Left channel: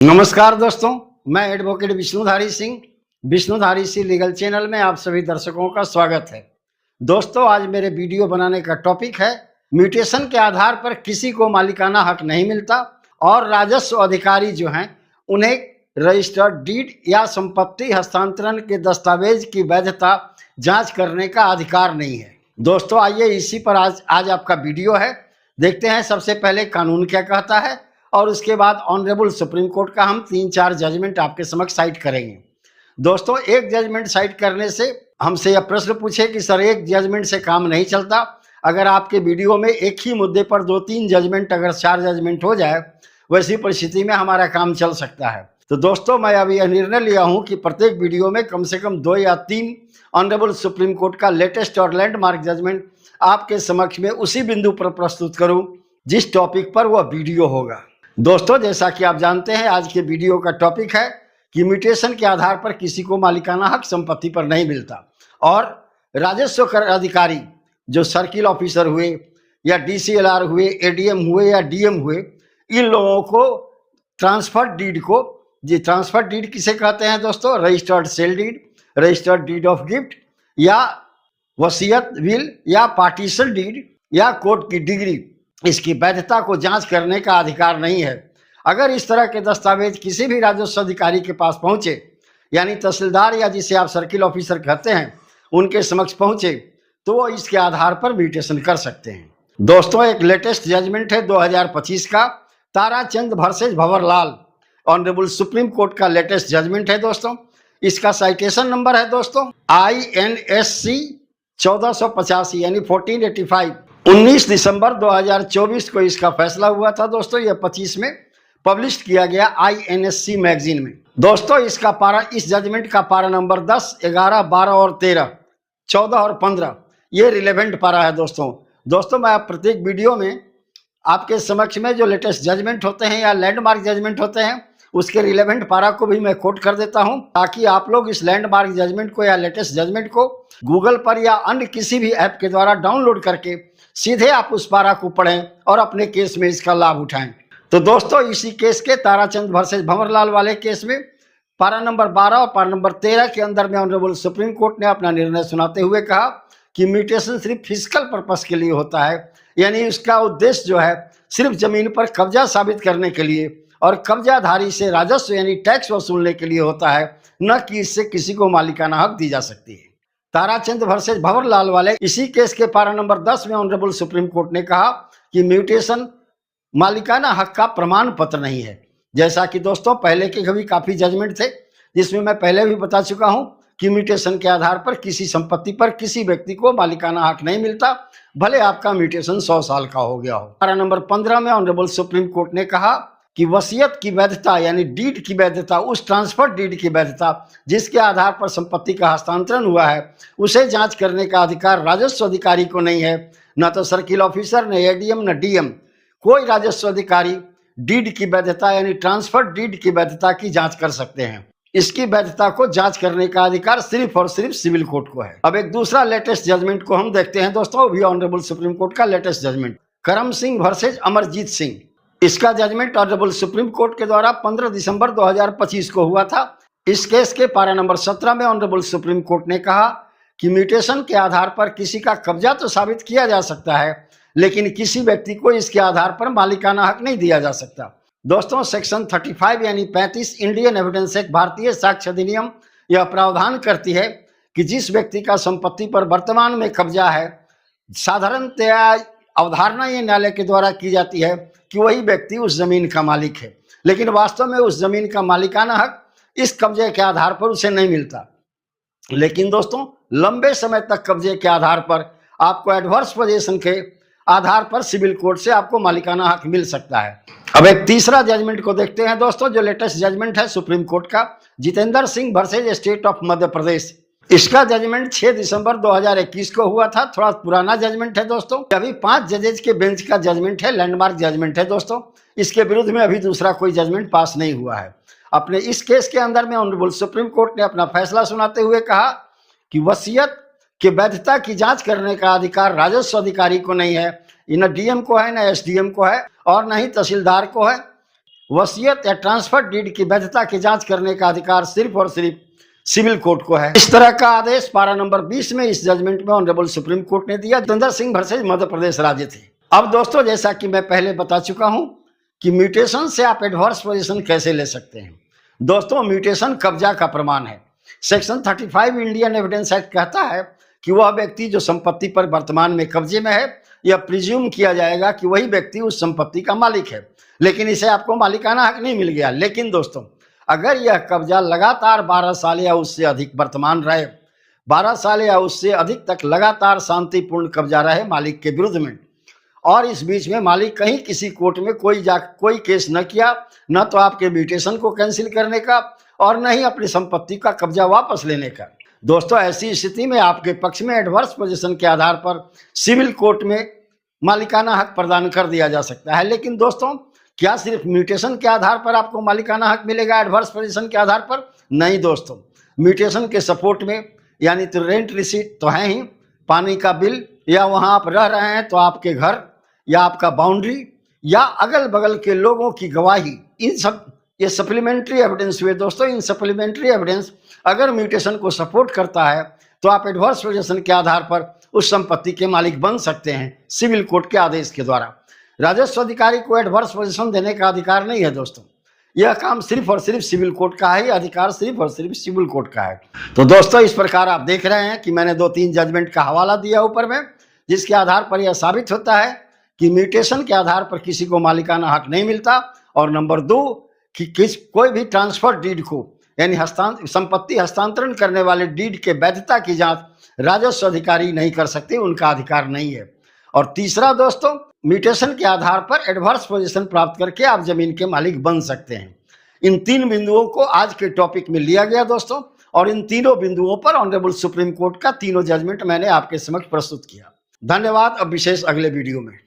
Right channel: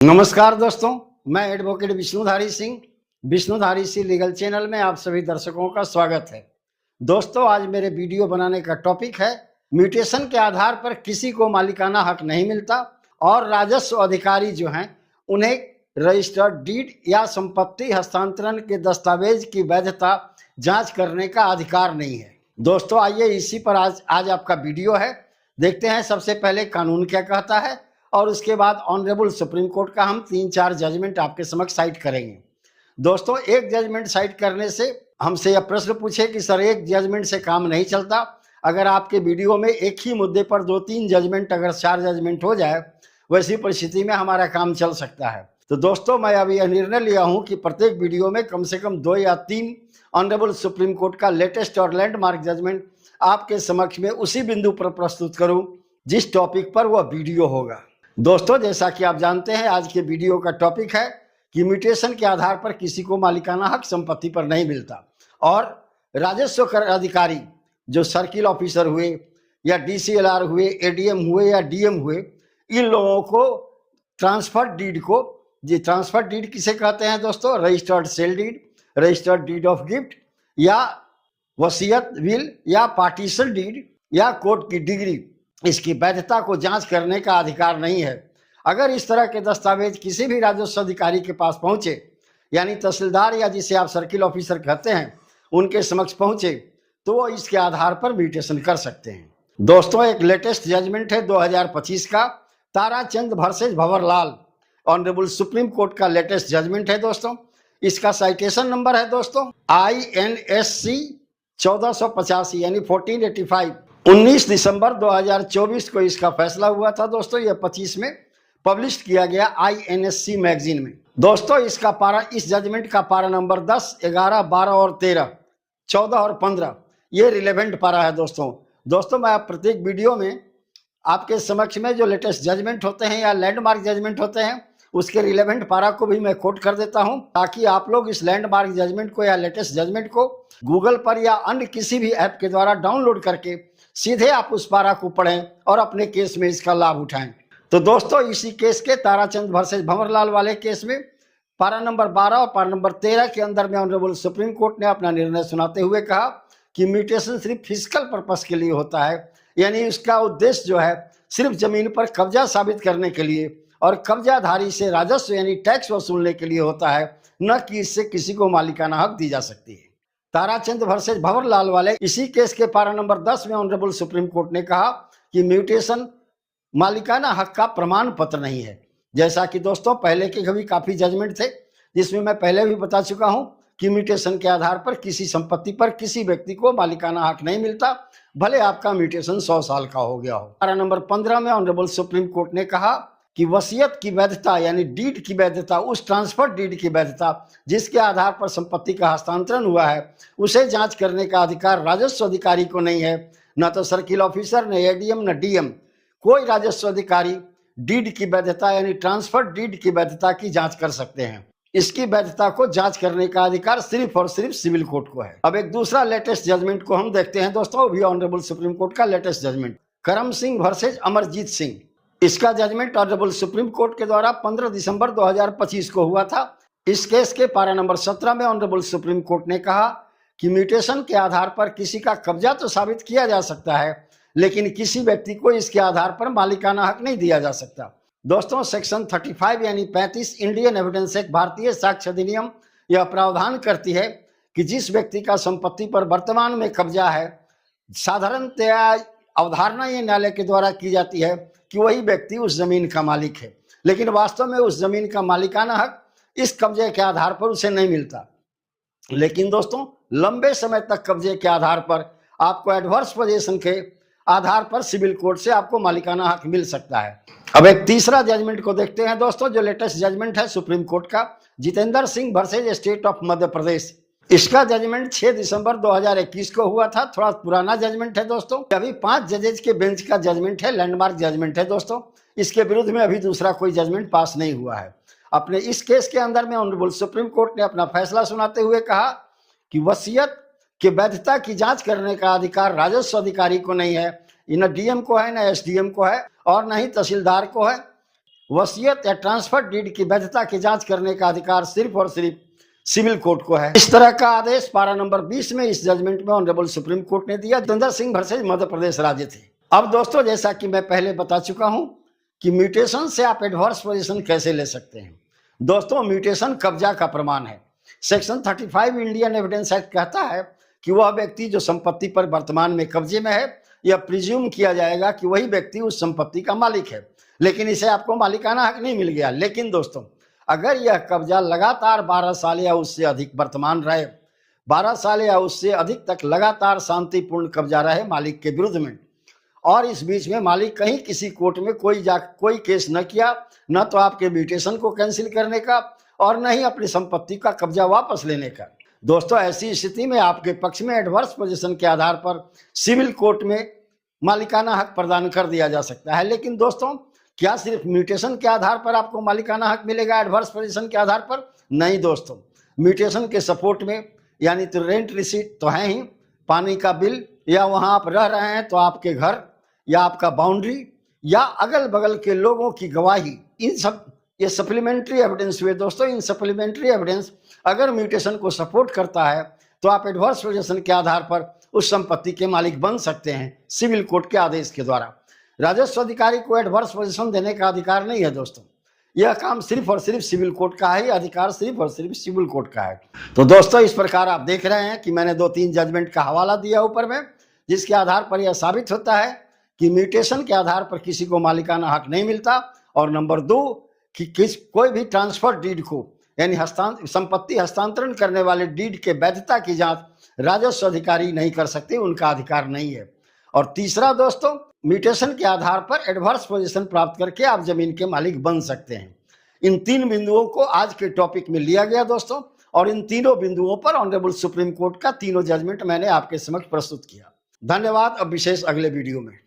नमस्कार दोस्तों, मैं advocate Vishnudhari Singh Vishnudhari Singh legal channel में आप सभी दर्शकों का स्वागत है। दोस्तों, आज मेरे वीडियो बनाने का टॉपिक है म्यूटेशन के आधार पर किसी को मालिकाना हक नहीं मिलता और राजस्व अधिकारी जो हैं उन्हें रजिस्टर्ड डीड या संपत्ति हस्तांतरण के दस्तावेज की वैधता जांच करने का अधिकार नहीं है। दोस्तों, आइए इसी पर आज आपका वीडियो है। देखते हैं सबसे पहले कानून क्या कहता है और उसके बाद ऑनरेबल सुप्रीम कोर्ट का हम 3-4 जजमेंट आपके समक्ष साइट करेंगे। दोस्तों, एक जजमेंट साइट करने से हमसे यह प्रश्न पूछे कि सर एक जजमेंट से काम नहीं चलता। अगर आपके वीडियो में एक ही मुद्दे पर 2-3 जजमेंट, अगर 4 जजमेंट हो जाए, वैसी परिस्थिति में हमारा काम चल सकता है। तो दोस्तों, मैं अभी यह निर्णय लिया हूं कि प्रत्येक वीडियो में कम से कम 2 या 3 ऑनरेबल सुप्रीम कोर्ट का लेटेस्ट और लैंडमार्क जजमेंट आपके समक्ष में उसी बिंदु पर प्रस्तुत करूं जिस टॉपिक पर वह वीडियो होगा। दोस्तों, जैसा कि आप जानते हैं, आज के वीडियो का टॉपिक है कि म्यूटेशन के आधार पर किसी को मालिकाना हक संपत्ति पर नहीं मिलता और राजस्व कर अधिकारी जो सर्किल ऑफिसर हुए या डीसीएलआर हुए, एडीएम हुए या डीएम हुए, इन लोगों को ट्रांसफर डीड किसे कहते हैं दोस्तों? Registered sale deed, registered deed of gift या वसीयत विल या पार्टीशन डीड या कोर्ट की डिग्री, इसकी वैधता को जांच करने का अधिकार नहीं है। अगर इस तरह के दस्तावेज किसी भी राजस्व अधिकारी के पास पहुंचे, यानी तहसीलदार या जिसे आप सर्किल ऑफिसर कहते हैं, उनके समक्ष पहुंचे, तो वो इसके आधार पर म्यूटेशन कर सकते हैं। दोस्तों, एक लेटेस्ट जजमेंट है 2025 का, Tarachand versus Bhanwarlal, honourable supreme court का लेटेस्ट जजमेंट है दोस्तों। इसका साइटेशन नंबर है दोस्तों INSC 1485 यानी 1485। 19 दिसंबर 2024 को इसका फैसला हुआ था दोस्तों। यह 25 में पब्लिश किया गया INSC मैगजीन में। दोस्तों, इसका पारा, इस जजमेंट का पारा नंबर 10, 11, 12 और 13, 14 और 15 ये रिलेवेंट पारा है दोस्तों, मैं प्रत्येक वीडियो में आपके समक्ष में जो लेटेस्ट जजमेंट होते हैं या लैंडमार्क जजमेंट होते हैं उसके रिलेवेंट पारा को भी मैं कोट कर देता हूं, ताकि आप लोग इस लैंडमार्क जजमेंट को या लेटेस्ट जजमेंट को गूगल पर या अन्य किसी भी ऐप के द्वारा डाउनलोड करके सीधे आप उस पारा को पढ़ें और अपने केस में इसका लाभ उठाएं। तो दोस्तों, इसी केस के ताराचंद वर्सेस भंवरलाल वाले केस में पारा नंबर 12 और पारा नंबर 13 के अंदर में ऑनरेबल सुप्रीम कोर्ट ने अपना निर्णय सुनाते हुए कहा कि म्यूटेशन सिर्फ फिजिकल पर्पस के लिए होता है, यानी उसका उद्देश्य जो है सिर्फ जमीन पर कब्जा साबित करने के लिए और कब्जाधारी से राजस्व यानी टैक्स वसूलने के लिए होता है, न कि इससे किसी को मालिकाना हक दी जा सकती है। ताराचंद वर्सेस भंवरलाल वाले इसी केस के पारा नंबर 10 में ऑनरेबल सुप्रीम कोर्ट ने कहा कि म्यूटेशन मालिकाना हक का प्रमाण पत्र नहीं है। जैसा कि दोस्तों पहले के भी काफी जजमेंट थे जिसमें मैं पहले भी बता चुका हूं कि म्यूटेशन के आधार पर किसी संपत्ति पर किसी व्यक्ति को मालिकाना हक नहीं मिलता, भले आपका म्यूटेशन 100 साल का हो गया हो। पारा नंबर 15 में ऑनरेबल सुप्रीम कोर्ट ने कहा कि वसीयत की वैधता यानी डीड की वैधता, उस ट्रांसफर डीड की वैधता जिसके आधार पर संपत्ति का हस्तांतरण हुआ है, उसे जांच करने का अधिकार राजस्व अधिकारी को नहीं है। न तो सर्किल ऑफिसर, न एडीएम, न डीएम, कोई राजस्व अधिकारी डीड की वैधता यानी ट्रांसफर डीड की वैधता की जांच कर सकते हैं। इसकी वैधता को जांच करने का अधिकार सिर्फ और सिर्फ सिविल कोर्ट को है। अब एक दूसरा लेटेस्ट जजमेंट को हम देखते हैं दोस्तों, भी ऑनरेबल सुप्रीम कोर्ट का लेटेस्ट जजमेंट, करम सिंह वर्सेज अमरजीत सिंह। इसका जजमेंट ऑनरेबल सुप्रीम कोर्ट के द्वारा 15 दिसंबर 2025 को हुआ था। इस केस के पारा नंबर 17 में ऑनरेबल सुप्रीम कोर्ट ने कहा कि म्यूटेशन के आधार पर किसी का कब्जा तो साबित किया जा सकता है, लेकिन किसी व्यक्ति को इसके आधार पर मालिकाना हक नहीं दिया जा सकता। दोस्तों, सेक्शन 35 यानी 35 इंडियन एविडेंस एक्ट, भारतीय साक्ष्य अधिनियम, यह प्रावधान करती है कि जिस व्यक्ति का संपत्ति पर वर्तमान में कब्जा है, साधारणतया अवधारणा ये न्यायालय के द्वारा की जाती है कि वही व्यक्ति उस जमीन का मालिक है, लेकिन वास्तव में उस जमीन का मालिकाना हक इस कब्जे के आधार पर उसे नहीं मिलता। लेकिन दोस्तों, लंबे समय तक कब्जे के आधार पर आपको एडवर्स पोजीशन के आधार पर सिविल कोर्ट से आपको मालिकाना हक मिल सकता है। अब एक तीसरा जजमेंट को देखते हैं दोस्तों, जो लेटेस्ट जजमेंट है सुप्रीम कोर्ट का, Jitendra Singh versus state of Madhya Pradesh. इसका जजमेंट 6 दिसंबर 2021 को हुआ था। थोड़ा पुराना जजमेंट है दोस्तों, अभी 5 जजेज के बेंच का जजमेंट है, लैंडमार्क जजमेंट है दोस्तों। इसके विरुद्ध में अभी दूसरा कोई जजमेंट पास नहीं हुआ है। अपने इस केस के अंदर में ऑनरेबल सुप्रीम कोर्ट ने अपना फैसला सुनाते हुए कहा कि वसीयत की वैधता की जांच करने का अधिकार राजस्व अधिकारी को नहीं है, न डीएम को है, न एसडीएम को है और न ही तहसीलदार को है। वसीयत या ट्रांसफर डीड की वैधता की जांच करने का अधिकार सिर्फ और सिर्फ सिविल कोर्ट को है। इस तरह का आदेश पारा नंबर 20 में इस जजमेंट में ऑनरेबल सुप्रीम कोर्ट ने दिया। जितेंद्र सिंह वर्सेज मध्य प्रदेश राज्य थे। अब दोस्तों, जैसा कि मैं पहले बता चुका हूं कि म्यूटेशन से आप एडवर्स पोजीशन कैसे ले सकते हैं। दोस्तों, म्यूटेशन कब्जा का प्रमाण है। सेक्शन 35 इंडियन एविडेंस एक्ट कहता है कि वह व्यक्ति जो संपत्ति पर वर्तमान में कब्जे में है, यह प्रिज्यूम किया जाएगा कि वही व्यक्ति उस संपत्ति का मालिक है, लेकिन इसे आपको मालिकाना हक नहीं मिल गया। लेकिन दोस्तों, अगर यह कब्जा लगातार 12 साल या उससे अधिक वर्तमान रहे, 12 साल या उससे अधिक तक लगातार शांतिपूर्ण कब्जा रहे मालिक के विरुद्ध में, और इस बीच में मालिक कहीं किसी कोर्ट में कोई केस न किया, न तो आपके म्यूटेशन को कैंसिल करने का और न ही अपनी संपत्ति का कब्जा वापस लेने का। दोस्तों, ऐसी स्थिति में आपके पक्ष में एडवर्स पोजीशन के आधार पर सिविल कोर्ट में मालिकाना हक प्रदान कर दिया जा सकता है। लेकिन दोस्तों, क्या सिर्फ म्यूटेशन के आधार पर आपको मालिकाना हक मिलेगा एडवर्स पोजीशन के आधार पर? नहीं दोस्तों, म्यूटेशन के सपोर्ट में यानी तो रेंट रिसीट तो है ही, पानी का बिल, या वहां आप रह रहे हैं तो आपके घर या आपका बाउंड्री या अगल बगल के लोगों की गवाही, इन सब ये सप्लीमेंट्री एविडेंस हुए। दोस्तों, इन सप्लीमेंट्री एविडेंस अगर म्यूटेशन को सपोर्ट करता है तो आप एडवर्स पोजीशन के आधार पर उस संपत्ति के मालिक बन सकते हैं सिविल कोर्ट के आदेश के द्वारा। राजस्व अधिकारी को एडवर्स पोजीशन देने का अधिकार नहीं है दोस्तों। यह काम सिर्फ और सिर्फ सिविल कोर्ट का है, अधिकार सिर्फ और सिर्फ सिविल कोर्ट का है। तो दोस्तों, इस प्रकार आप देख रहे हैं कि मैंने 2-3 जजमेंट का हवाला दिया ऊपर में, जिसके आधार पर यह साबित होता है कि म्यूटेशन के आधार पर किसी को मालिकाना हक नहीं मिलता। और नंबर 2 कि कोई भी ट्रांसफर डीड को यानी संपत्ति हस्तांतरण करने वाले डीड के वैधता की जांच राजस्व अधिकारी नहीं कर सकते, उनका अधिकार नहीं है। और तीसरा दोस्तों, म्यूटेशन के आधार पर एडवर्स पोजीशन प्राप्त करके आप जमीन के मालिक बन सकते हैं। इन 3 बिंदुओं को आज के टॉपिक में लिया गया दोस्तों, और इन तीनों बिंदुओं पर ऑनरेबल सुप्रीम कोर्ट का तीनों जजमेंट मैंने आपके समक्ष प्रस्तुत किया। धन्यवाद। अब विशेष अगले वीडियो में।